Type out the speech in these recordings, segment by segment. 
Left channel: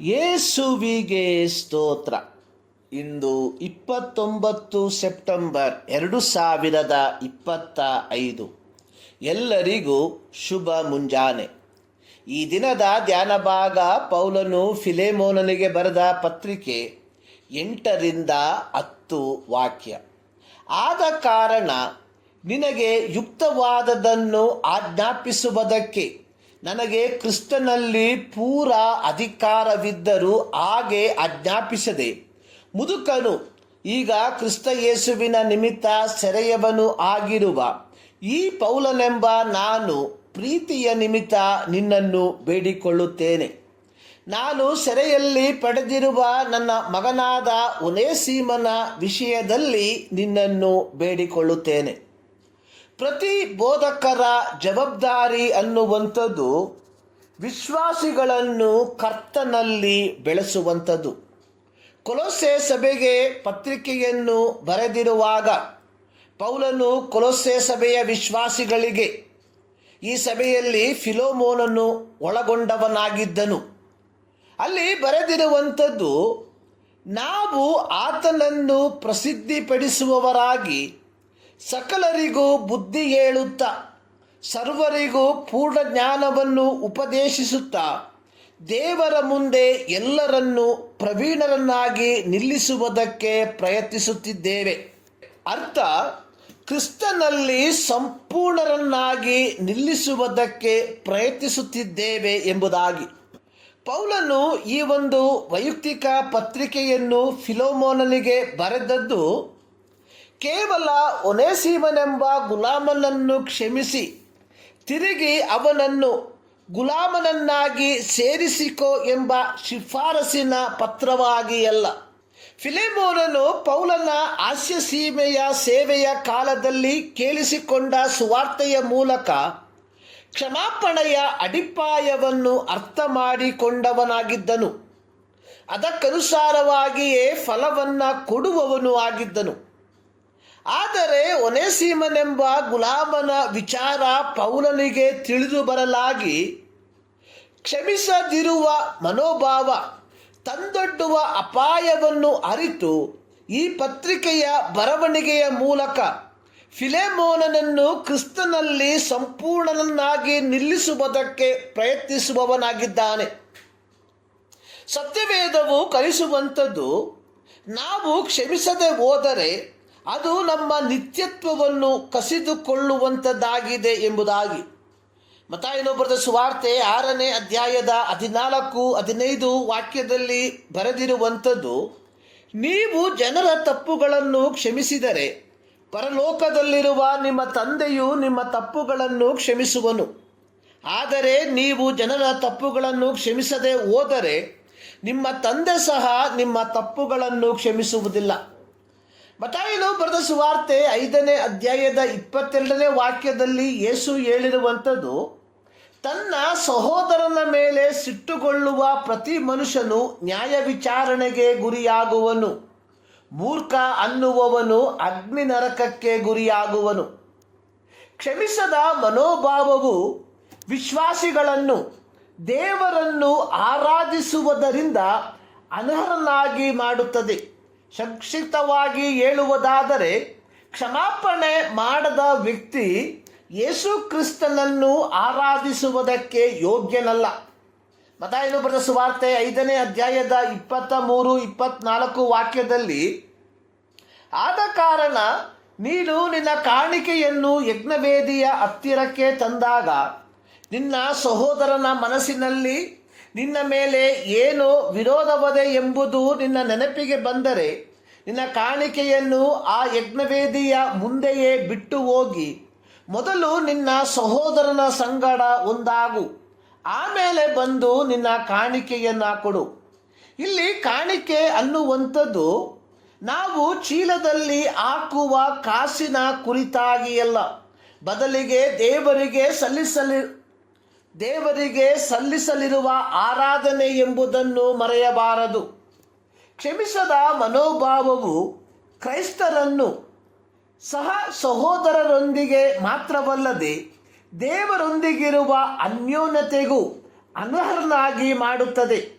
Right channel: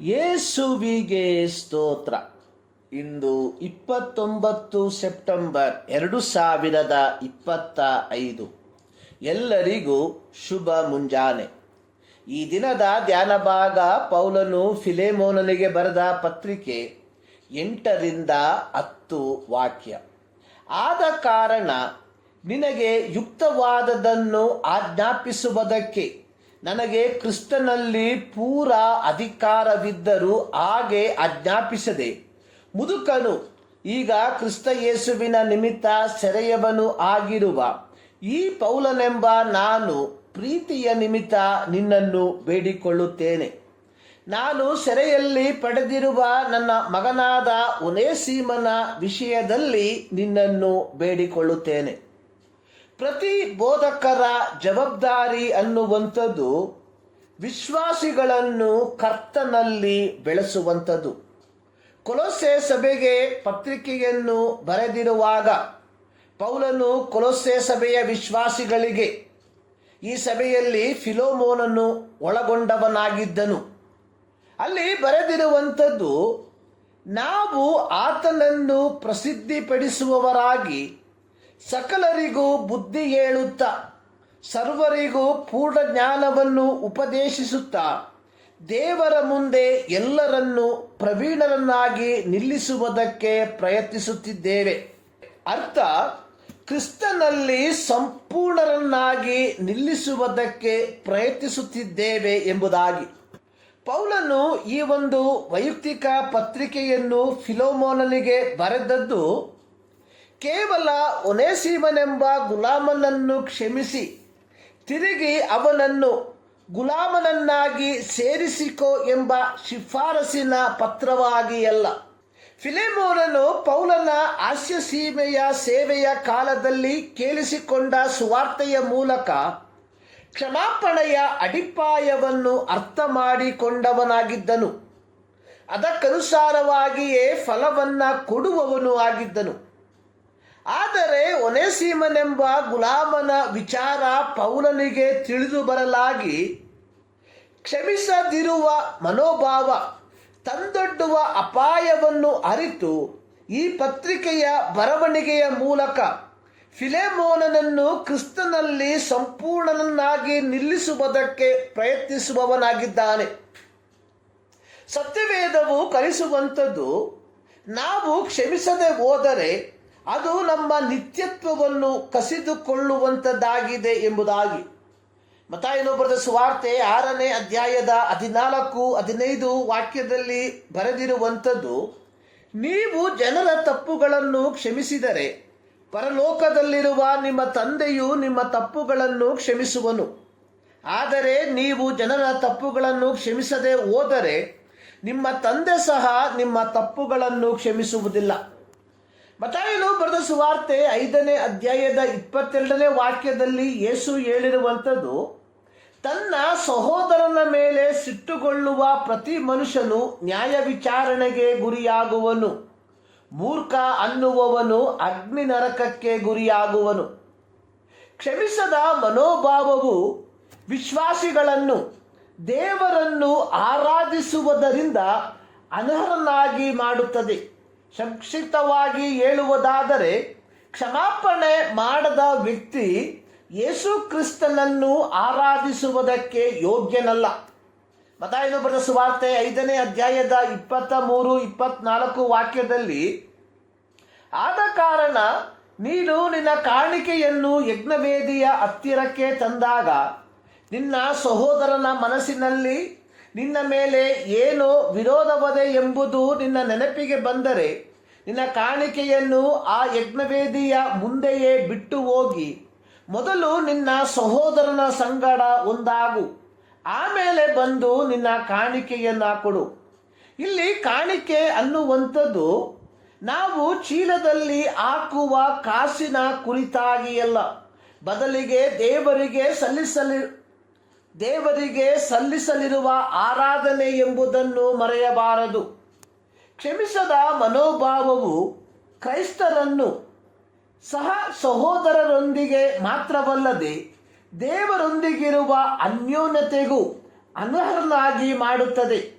ಯೇಸುವಿಗೆ ಸ್ತೋತ್ರ. ಇಂದು ಇಪ್ಪತ್ತೊಂಬತ್ತು ಸೆಪ್ಟೆಂಬರ್ ಎರಡು ಸಾವಿರದ ಇಪ್ಪತ್ತ ಐದು. ಎಲ್ಲರಿಗೂ ಶುಭ ಮುಂಜಾನೆ. ಈ ದಿನದ ಧ್ಯಾನ ಭಾಗ ಪೌಲನು ಫಿಲೆಮೋನನಿಗೆ ಬರೆದ ಪತ್ರಿಕೆ ಎಂಟರಿಂದ ಹತ್ತು ವಾಕ್ಯ. ಆದ ಕಾರಣ ನಿನಗೆ ಯುಕ್ತವಾದದನ್ನು ಆಜ್ಞಾಪಿಸುವುದಕ್ಕೆ ನನಗೆ ಕ್ರಿಸ್ತನಲ್ಲಿ ಪೂರ ಅಧಿಕಾರವಿದ್ದರೂ ಹಾಗೆ ಆಜ್ಞಾಪಿಸದೆ. ಮುದುಕನು, ಈಗ ಕ್ರಿಸ್ತ ಯೇಸುವಿನ ನಿಮಿತ್ತ ಸೆರೆಯವನು ಆಗಿರುವ ಈ ಪೌಲನೆಂಬ ನಾನು ಪ್ರೀತಿಯ ನಿಮಿತ್ತ ನಿನ್ನನ್ನು ಬೇಡಿಕೊಳ್ಳುತ್ತೇನೆ. ನಾನು ಸೆರೆಯಲ್ಲಿ ಪಡೆದಿರುವ ನನ್ನ ಮಗನಾದ ಒನೇಸೀಮನ ವಿಷಯದಲ್ಲಿ ನಿನ್ನನ್ನು ಬೇಡಿಕೊಳ್ಳುತ್ತೇನೆ. ಪ್ರತಿ ಬೋಧಕರ ಜವಾಬ್ದಾರಿ ಅನ್ನುವಂಥದ್ದು ವಿಶ್ವಾಸಿಗಳನ್ನು ಕರ್ತನಲ್ಲಿ ಬೆಳೆಸುವಂಥದ್ದು. ಕೊಲೊಸೆ ಸಭೆಗೆ ಪತ್ರಿಕೆಯನ್ನು ಬರೆದಿರುವಾಗ ಪೌಲನು ಕೊಲೊಸೆ ಸಭೆಯ ವಿಶ್ವಾಸಿಗಳಿಗೆ ಈ ಸಭೆಯಲ್ಲಿ ಫಿಲೋಮೋನನ್ನು ಒಳಗೊಂಡವನಾಗಿದ್ದನು. ಅಲ್ಲಿ ಬರೆದಿರುವಂಥದ್ದು, ನಾವು ಆತನನ್ನು ಪ್ರಸಿದ್ಧಿಪಡಿಸುವವರಾಗಿ ಸಕಲರಿಗೂ ಬುದ್ಧಿ ಹೇಳುತ್ತಾ, ಸರ್ವರಿಗೂ ಪೂರ್ಣ ಜ್ಞಾನವನ್ನು ಉಪದೇಶಿಸುತ್ತಾ, ದೇವರ ಮುಂದೆ ಎಲ್ಲರನ್ನು ಪ್ರವೀಣರನ್ನಾಗಿ ನಿಲ್ಲಿಸುವುದಕ್ಕೆ ಪ್ರಯತ್ನಿಸುತ್ತಿದ್ದೇವೆ. ಅರ್ಥ, ಕ್ರಿಸ್ತನಲ್ಲಿ ಸಂಪೂರ್ಣರನ್ನಾಗಿ ನಿಲ್ಲಿಸುವುದಕ್ಕೆ ಪ್ರಯತ್ನಿಸುತ್ತಿದ್ದೇವೆ ಎಂಬುದಾಗಿ. ಪೌಲನು ಈ ಒಂದು ವೈಯಕ್ತಿಕ ಪತ್ರಿಕೆಯನ್ನು ಫಿಲೋಮೋನನಿಗೆ ಬರೆದದ್ದು ಕೇವಲ ಒನೇಸೀಮನೆಂಬ ಗುಲಾಮನನ್ನು ಕ್ಷಮಿಸಿ, ತಿರುಗಿ ಅವನನ್ನು ಗುಲಾಮನನ್ನಾಗಿ ಸೇರಿಸಿಕೋ ಎಂಬ ಶಿಫಾರಸಿನ ಪತ್ರವಾಗಿ ಅಲ್ಲ ಫಿಲೆಮೋನನು ಪೌಲನ ಹಾಸ್ಯ ಸೀಮೆಯ ಸೇವೆಯ ಕಾಲದಲ್ಲಿ ಕೇಳಿಸಿಕೊಂಡ ಸುವಾರ್ತೆಯ ಮೂಲಕ ಕ್ಷಮಾಪಣೆಯ ಅಡಿಪಾಯವನ್ನು ಅರ್ಥ ಮಾಡಿಕೊಂಡವನಾಗಿದ್ದನು ಅದಕ್ಕನುಸಾರವಾಗಿಯೇ ಫಲವನ್ನು ಕೊಡುವವನು ಆಗಿದ್ದನು. ಆದರೆ ಒನೇಸೀಮನೆಂಬ ಗುಲಾಮನ ವಿಚಾರ ಪೌಲನಿಗೆ ತಿಳಿದು ಬರಲಾಗಿ, ಕ್ಷಮಿಸದಿರುವ ಮನೋಭಾವ, ತಂದೊಡ್ಡುವ ಅಪಾಯವನ್ನು ಅರಿತು ಈ ಪತ್ರಿಕೆಯ ಬರವಣಿಗೆಯ ಮೂಲಕ ಫಿಲೆಮೋನನನ್ನು ಕ್ರಿಸ್ತನಲ್ಲಿ ಸಂಪೂರ್ಣನನ್ನಾಗಿ ನಿಲ್ಲಿಸುವುದಕ್ಕೆ ಪ್ರಯತ್ನಿಸುವವನಾಗಿದ್ದಾನೆ. ಸತ್ಯವೇದವು ಕಲಿಸುವಂಥದ್ದು, ನಾವು ಕ್ಷಮಿಸದೆ ಹೋದರೆ ಅದು ನಮ್ಮ ನಿತ್ಯತ್ವವನ್ನು ಕಸಿದುಕೊಳ್ಳುವಂಥದ್ದಾಗಿದೆ ಎಂಬುದಾಗಿ. ಮತಾಯನು ಬರೆದ ಸುವಾರ್ತೆ ಆರನೇ ಅಧ್ಯಾಯದ ಹದಿನಾಲ್ಕು, ಹದಿನೈದು ವಾಕ್ಯದಲ್ಲಿ ಬರೆದಿರುವಂಥದ್ದು, ನೀವು ಜನರ ತಪ್ಪುಗಳನ್ನು ಕ್ಷಮಿಸಿದರೆ ಪರಲೋಕದಲ್ಲಿರುವ ನಿಮ್ಮ ತಂದೆಯು ನಿಮ್ಮ ತಪ್ಪುಗಳನ್ನು ಕ್ಷಮಿಸುವನು. ಆದರೆ ನೀವು ಜನರ ತಪ್ಪುಗಳನ್ನು ಕ್ಷಮಿಸದೆ ಹೋದರೆ ನಿಮ್ಮ ತಂದೆ ಸಹ ನಿಮ್ಮ ತಪ್ಪುಗಳನ್ನು ಕ್ಷಮಿಸುವುದಿಲ್ಲ. ಮತಾಯನು ಬರೆದ ಸುವಾರ್ತೆ ಐದನೇ ಅಧ್ಯಾಯದ ಇಪ್ಪತ್ತೆರಡನೇ ವಾಕ್ಯದಲ್ಲಿ ಯೇಸು ಹೇಳಿರುವಂಥದ್ದು, ತನ್ನ ಸಹೋದರನ ಮೇಲೆ ಸಿಟ್ಟುಗೊಳ್ಳುವ ಪ್ರತಿ ಮನುಷ್ಯನು ನ್ಯಾಯ ವಿಚಾರಣೆಗೆ ಗುರಿಯಾಗುವನು. ಮೂರ್ಖ ಅನ್ನುವವನು ಅಗ್ನಿ ನರಕಕ್ಕೆ ಗುರಿಯಾಗುವನು. ಕ್ಷಮಿಸದ ಮನೋಭಾವವು ವಿಶ್ವಾಸಿಗಳನ್ನು, ದೇವರನ್ನು ಆರಾಧಿಸುವುದರಿಂದ ಅನರ್ಹನಾಗಿ ಮಾಡುತ್ತದೆ. ಸಂಕ್ಷಿಪ್ತವಾಗಿ ಹೇಳುವುದಾದರೆ, ಕ್ಷಮಾಪಣೆ ಮಾಡದ ವ್ಯಕ್ತಿ ಯೇಸು ಕ್ರಿಸ್ತನನ್ನು ಆರಾಧಿಸುವುದಕ್ಕೆ ಯೋಗ್ಯನಲ್ಲ. ಮತಾಯನು ಬರೆದ ಸುವಾರ್ತೆ ಐದನೇ ಅಧ್ಯಾಯದ ಇಪ್ಪತ್ತ ಮೂರು ಇಪ್ಪತ್ನಾಲ್ಕು ವಾಕ್ಯದಲ್ಲಿ ಆದ ಕಾರಣ ನೀನು ನಿನ್ನ ಕಾಣಿಕೆಯನ್ನು ಯಜ್ಞವೇದಿಯ ಹತ್ತಿರಕ್ಕೆ ತಂದಾಗ, ನಿನ್ನ ಸಹೋದರನ ಮನಸ್ಸಿನಲ್ಲಿ ನಿನ್ನ ಮೇಲೆ ಏನು ವಿರೋಧವದೆ ಎಂಬುದು ನಿನ್ನ ನೆನಪಿಗೆ ಬಂದರೆ ನಿನ್ನ ಕಾಣಿಕೆಯನ್ನು ಆ ಯಜ್ಞವೇದಿಯ ಮುಂದೆಯೇ ಬಿಟ್ಟು ಹೋಗಿ. ಮೊದಲು ನಿನ್ನ ಸಹೋದರನ ಸಂಗಡ ಒಂದಾಗು. ಆಮೇಲೆ ಬಂದು ನಿನ್ನ ಕಾಣಿಕೆಯನ್ನು ಕೊಡು. ಇಲ್ಲಿ ಕಾಣಿಕೆ ಅನ್ನುವಂಥದ್ದು ನಾವು ಚೀಲದಲ್ಲಿ ಹಾಕುವ ಕಾಸಿನ ಕುರಿತಾಗಿಯಲ್ಲ. ಬದಲಿಗೆ ದೇವರಿಗೆ ಸಲ್ಲಿಸಲಿ ದೇವರಿಗೆ ಸಲ್ಲಿಸಲಿರುವ ಆರಾಧನೆ ಎಂಬುದನ್ನು ಮರೆಯಬಾರದು. ಕ್ಷಮಿಸದ ಮನೋಭಾವವು ಕ್ರೈಸ್ತರನ್ನು ಸಹ ಸಹೋದರರೊಂದಿಗೆ ಮಾತ್ರವಲ್ಲದೆ ದೇವರೊಂದಿಗಿರುವ ಅನ್ಯೋನ್ಯತೆಗೂ ಅನರ್ಹನಾಗಿ ಮಾಡುತ್ತದೆ.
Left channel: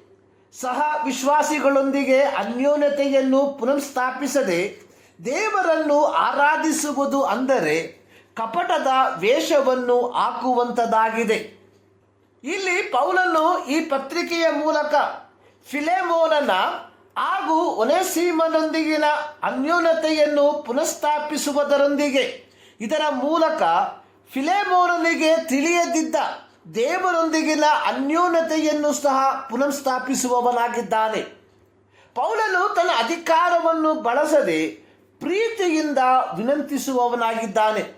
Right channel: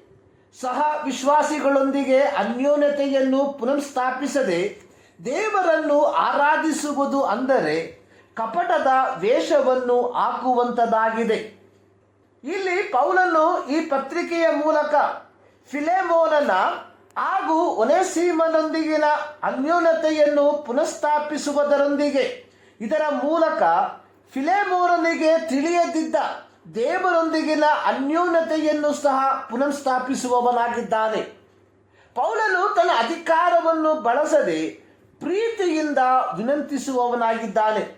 ಸಹ ವಿಶ್ವಾಸಿಗಳೊಂದಿಗೆ ಅನ್ಯೋನ್ಯತೆಯನ್ನು ಪುನಃಸ್ಥಾಪಿಸದೆ ದೇವರನ್ನು ಆರಾಧಿಸುವುದು ಅಂದರೆ ಕಪಟದ ವೇಷವನ್ನು ಹಾಕುವಂಥದ್ದಾಗಿದೆ ಇಲ್ಲಿ ಪೌಲನು ಈ ಪತ್ರಿಕೆಯ ಮೂಲಕ ಫಿಲೆಮೋನನ ಹಾಗೂ ಒನೆಸೀಮನೊಂದಿಗಿನ ಅನ್ಯೋನ್ಯತೆಯನ್ನು ಪುನಃಸ್ಥಾಪಿಸುವುದರೊಂದಿಗೆ ಇದರ ಮೂಲಕ ಫಿಲೆಮೋನನಿಗೆ ತಿಳಿಯದಿದ್ದ ದೇವರೊಂದಿಗಿನ ಅನ್ಯೋನ್ಯತೆಯನ್ನು ಸಹ ಪುನಃಸ್ಥಾಪಿಸುವವನಾಗಿದ್ದಾನೆ. ಪೌಲನು ತನ್ನ ಅಧಿಕಾರವನ್ನು ಬಳಸದೆ ಪ್ರೀತಿಯಿಂದ ವಿನಂತಿಸುವವನಾಗಿದ್ದಾನೆ.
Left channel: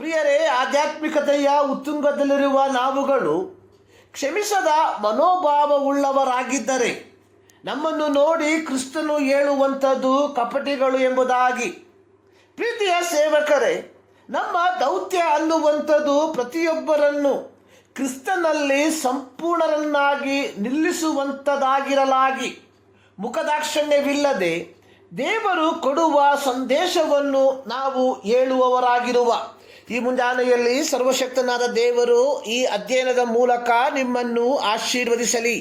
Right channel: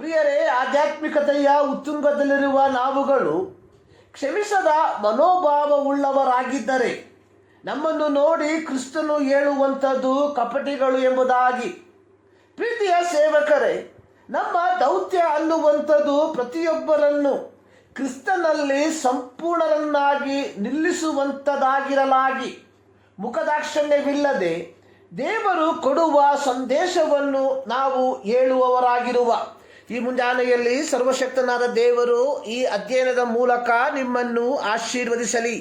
ಪ್ರಿಯರೇ, ಆಧ್ಯಾತ್ಮಿಕತೆಯ ಉತ್ತುಂಗದಲ್ಲಿರುವ ನಾವುಗಳು ಕ್ಷಮಿಸದ ಮನೋಭಾವವುಳ್ಳವರಾಗಿದ್ದರೆ ನಮ್ಮನ್ನು ನೋಡಿ ಕ್ರಿಸ್ತನು ಹೇಳುವಂಥದ್ದು ಕಪಟಿಗಳು ಎಂಬುದಾಗಿ. ಪ್ರೀತಿಯ ಸೇವಕರೇ, ನಮ್ಮ ದೌತ್ಯ ಅನ್ನುವಂಥದ್ದು ಪ್ರತಿಯೊಬ್ಬರನ್ನು ಕ್ರಿಸ್ತನಲ್ಲಿ ಸಂಪೂರ್ಣರನ್ನಾಗಿ ನಿಲ್ಲಿಸುವಂಥದ್ದಾಗಿರಲಾಗಿ. ಮುಖದಾಕ್ಷಣ್ಯವಿಲ್ಲದೆ ದೇವರು ಕೊಡುವ ಸಂದೇಶವನ್ನು ನಾವು ಹೇಳುವವರಾಗಿರುವ. ಈ ಮುಂಜಾನೆಯಲ್ಲಿ ಸರ್ವಶಕ್ತನಾದ ದೇವರು ಈ ಅಧ್ಯಯನದ ಮೂಲಕ ನಿಮ್ಮನ್ನು ಆಶೀರ್ವದಿಸಲಿ.